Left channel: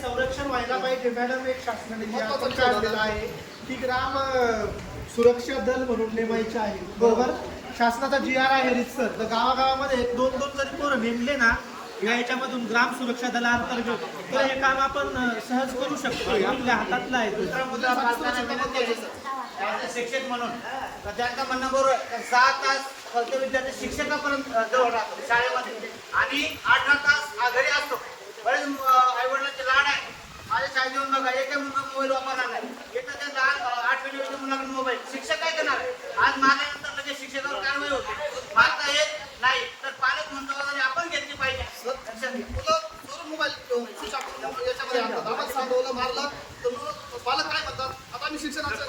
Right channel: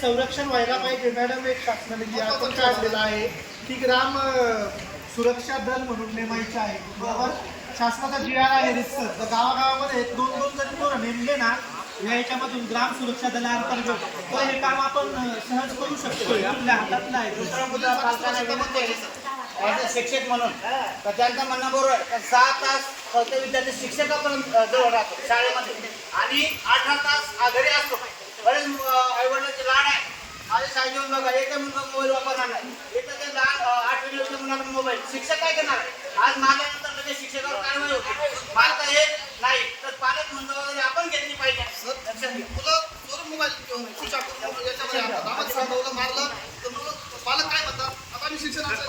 संरक्षण व्हायला पाहिजे मॅडम. एक शासनाने काढलेला आहे की ग्राम सुरक्षा दल म्हणून नेमायचे आहे, बरोबर. शासनाचा GR आहे रितसर. तर गावागावामध्ये दोन दोन जरी पोरं नेमले ना याच्यामधून ग्राम सुरक्षा दलाअंतर्गत, तर हे काम आपण सहज करू शकतो. आपल्या हातातलं आहे तो. शिक्षक म्हणून त्यांचं म्हणणं बरोबर 6 तास विद्यार्थी शिक्षकापर्यंत जवळ राहतो शाळेमध्ये आणि 18 तास घरी असतो. बरेच आईवडिलांचे लाड आहे. माझ्या शाळेत बघा एकच मुलगा मोबाईल वापरणार नाही. एक तर 8 मुलाला मोबाईल. शिक्षक काय करणार? आज माझ्यानंतर म्हणजे शिक्षकावर काय नाही होते. मार्क हे नाही तर पालक म्हणून आपण घेतली पाहिजे. मोबाईल याच्यामध्ये गावात सांगवलं मारलं तर पालक काय म्हणतात? आता मी शिक्षणाचं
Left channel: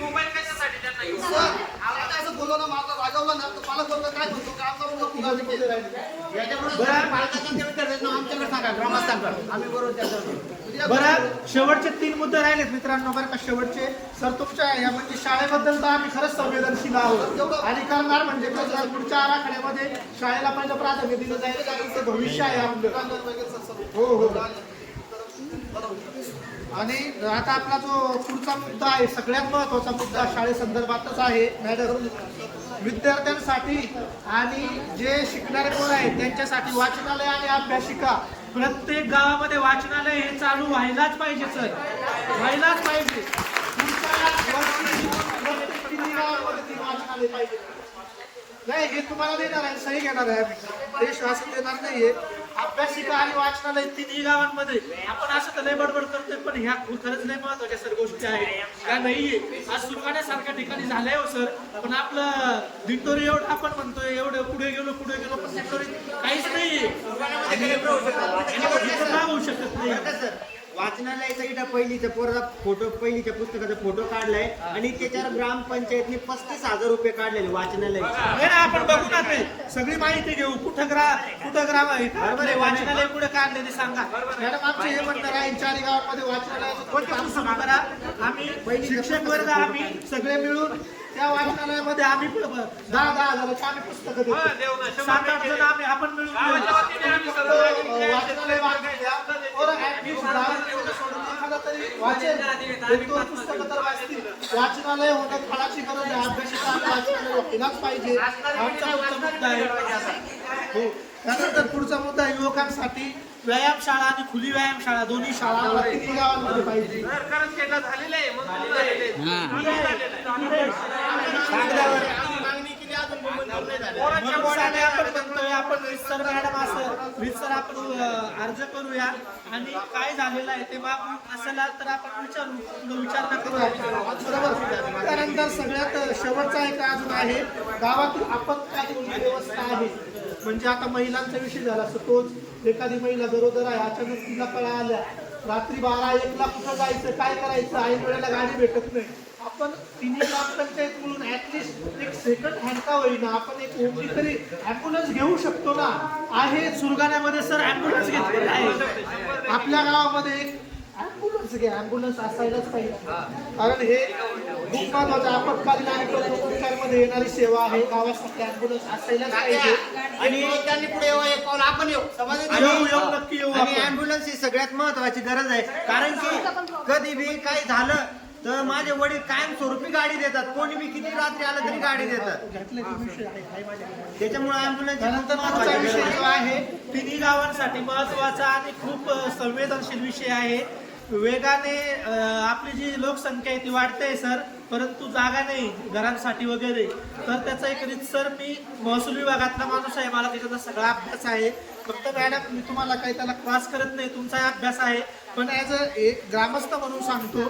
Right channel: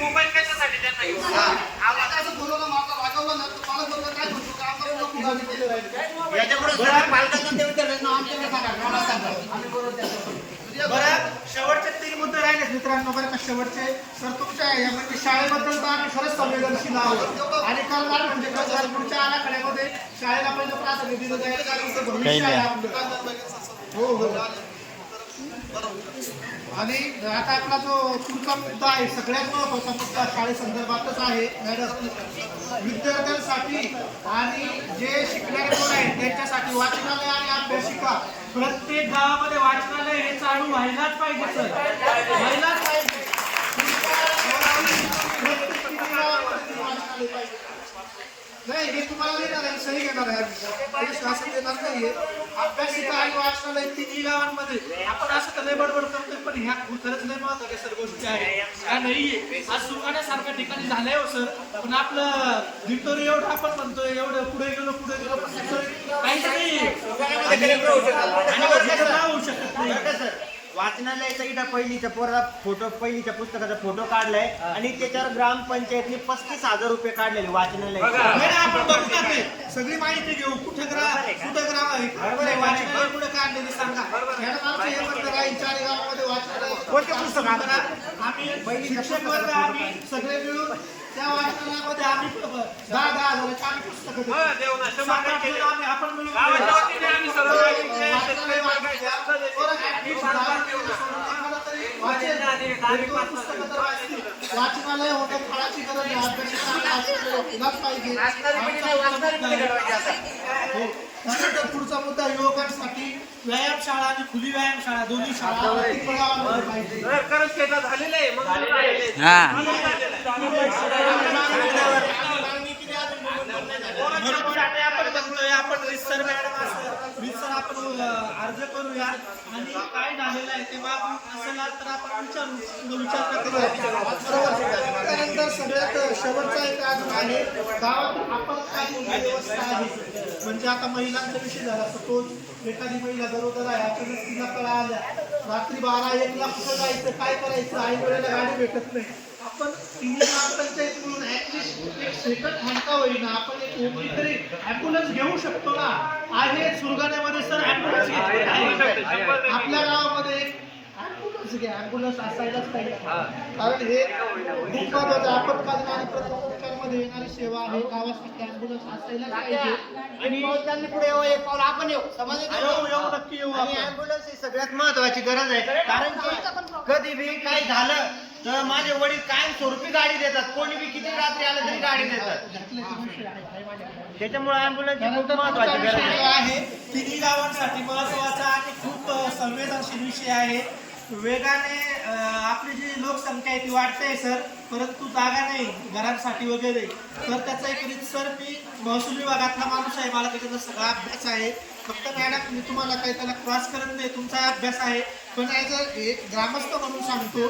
मोबाईल कशासाठी त्यांना असं बोलवलं मारलं रागावलं ना तर पालक बोललं काय म्हणतो का आमचा पुढे याच्यापुढे आमच्याकडे सांगा ग्रामस्थांकडे आम्ही बरोबर त्याच्यावर. बरं, शेवटचे 3 मुद्दे राहिले मित्रांनो. बरं का, शेवटचे सर तुमच्या या म्हणजे शाळेबद्दल तर आम्ही खरंच संवेदनशील आहोत आणि करणार म्हणजे कसं पुढच्या आराखड्यामध्ये शाळेला पहिलं प्राधान्य दिलं जाईल. कारण ते भविष्य आहे आपलं. हो हो. आणि आता आपला जो पुढचा मुद्दा आहे सगळ्यात महत्त्वाचा मुद्दा शाळेसंदर्भातच आहे मॅडम. विद्यार्थ्यांसाठी आणि जे शिकणारे पोर आहेत त्यांच्यासाठी वाचनालय आणि अभ्यासिका. प्रत्येक गावामध्ये वाचनालय हे चालू व्हायलाच पाहिजे सर, व्हायलाच पाहिजे. प्रत्येक 3 गावांमध्ये वाचनालय पाहिजे. नाही हे तुम्हाला देणार आहे, सही घेणार आहे, हे शासन देणार नाहीये. अभ्यासिका आणि वाचनालय 3ही गावांमध्ये. आपण असं तर लय बडबड करतोय पण ह्या खरंच लय महत्वाच्या सर गोष्टी आहेत का नाहीये. आज सुरगाण्यासारख्या ठिकाणी झालंय हो सर, पण आपलं दिंडोरी एवढं आपण म्हणतोय एवढं पुढे गेलो पण काहीच नाही आणि होऊ शकत नाही. वाचनालयाचा इथं पहिलीच्या पोरा फोटो पहिलीच्या पुस्तकाचा फोटो काढलाय आणि त्याच्यावर ग्रामपंचायतने 35,000 रुपये काढलेले वाचनालय. आपण बघू ना ते सगळी माहिती घेऊ. कुठं ग्राम आहे बरोबर आहे. वाचनालय कुठं काढलेले सांगा मॅडम. आमचे हे म्हणणं राहील 4 गावांमध्ये वाचनालय. आम्ही शिक्षक वर्ग आम्ही सगळे मिळून त्या वाचनालयामध्ये आम्ही 10,000 हजाराची आम्ही पुस्तकं देतो. 7-8 जण आम्ही आपण मिळून वाचनालय वाचनालय होणं फळाची गरज आहे. अभ्यासिका पाहिजे. हो. त्यानंतर पुढचा मुद्दा युवकांसाठी व्यायामशाळा आणि खुली व्यायामशाळा दोन्ही शाळा प्रत्येक गावामध्ये पाहिजे. आपण अर्ज करूया आणि काय झालेलं आहे ते बाबू असेल तर आपण विचार करूया. त्यानंतर सगळ्यात शेवटचा एक अजून आहे गावात आपत्कालीन व्यवस्था आहे. म्हणजे आता महिलांचा विषय झाला सपोज एखादी महिला गरोदर आहे, अचानक तिला कळा आल्या रात्री 12-1 ला कुठं जायचं काय करायचं, आई वेळेला गाडी भेटत नाही. आपण 3 ग्रामपंचायत म्हणून ऍटलिस्ट एक सेकंड हँड का होईना आपण एक तरी ॲम्ब्युलन्स घेऊ शकतो ना. आहे सुरगाण्यामध्ये सर ॲम्ब्युलन्स घेतलेले आहे. आपल्या गावामध्ये एक ॲम्ब्युलन्स असायलाच पाहिजे. कारण हे खूप महत्वाचं आपत्कालीन आणि प्रसवोपचारमध्ये येणारी सेवा आहे. गावासाठी ॲम्ब्युलन्स असायलाच पाहिजे. आणि त्यांनी पुढे एक पाऊल आपण येऊ नक्की येऊ. आणि ॲम्ब्युलन्स ही सगळ्यात महत्वाची गरज आहे. कारण की कधी बी काही झालं तर माझे वडील कायमस्वरूपी गाडी देतात. कोणी बी किती रात्री आलं तरी गाडी देतात. त्याच्यामुळे ॲम्ब्युलन्स महत्वाची गरज आहे. 3ही गावांसाठी महत्वाचा आणि खूप संवेदनशील विषय आहे. वेगाने आपली जी लोकसंख्या आहे ती वाढते सर, परंतु जागा नाही घरांसाठी वगैरे. तर त्याचा एक रीतसर मी महसूल विभागातला माणूस आहे, मला त्याच्याचा सगळा अभ्यास आहे. फक्त मॅडम मी तुम्हाला काही त्याला क्रॉस करत नाही, तुमचा अभ्यास आहे. पण ॲज अ एक ग्रामस्थ म्हणून सांगतो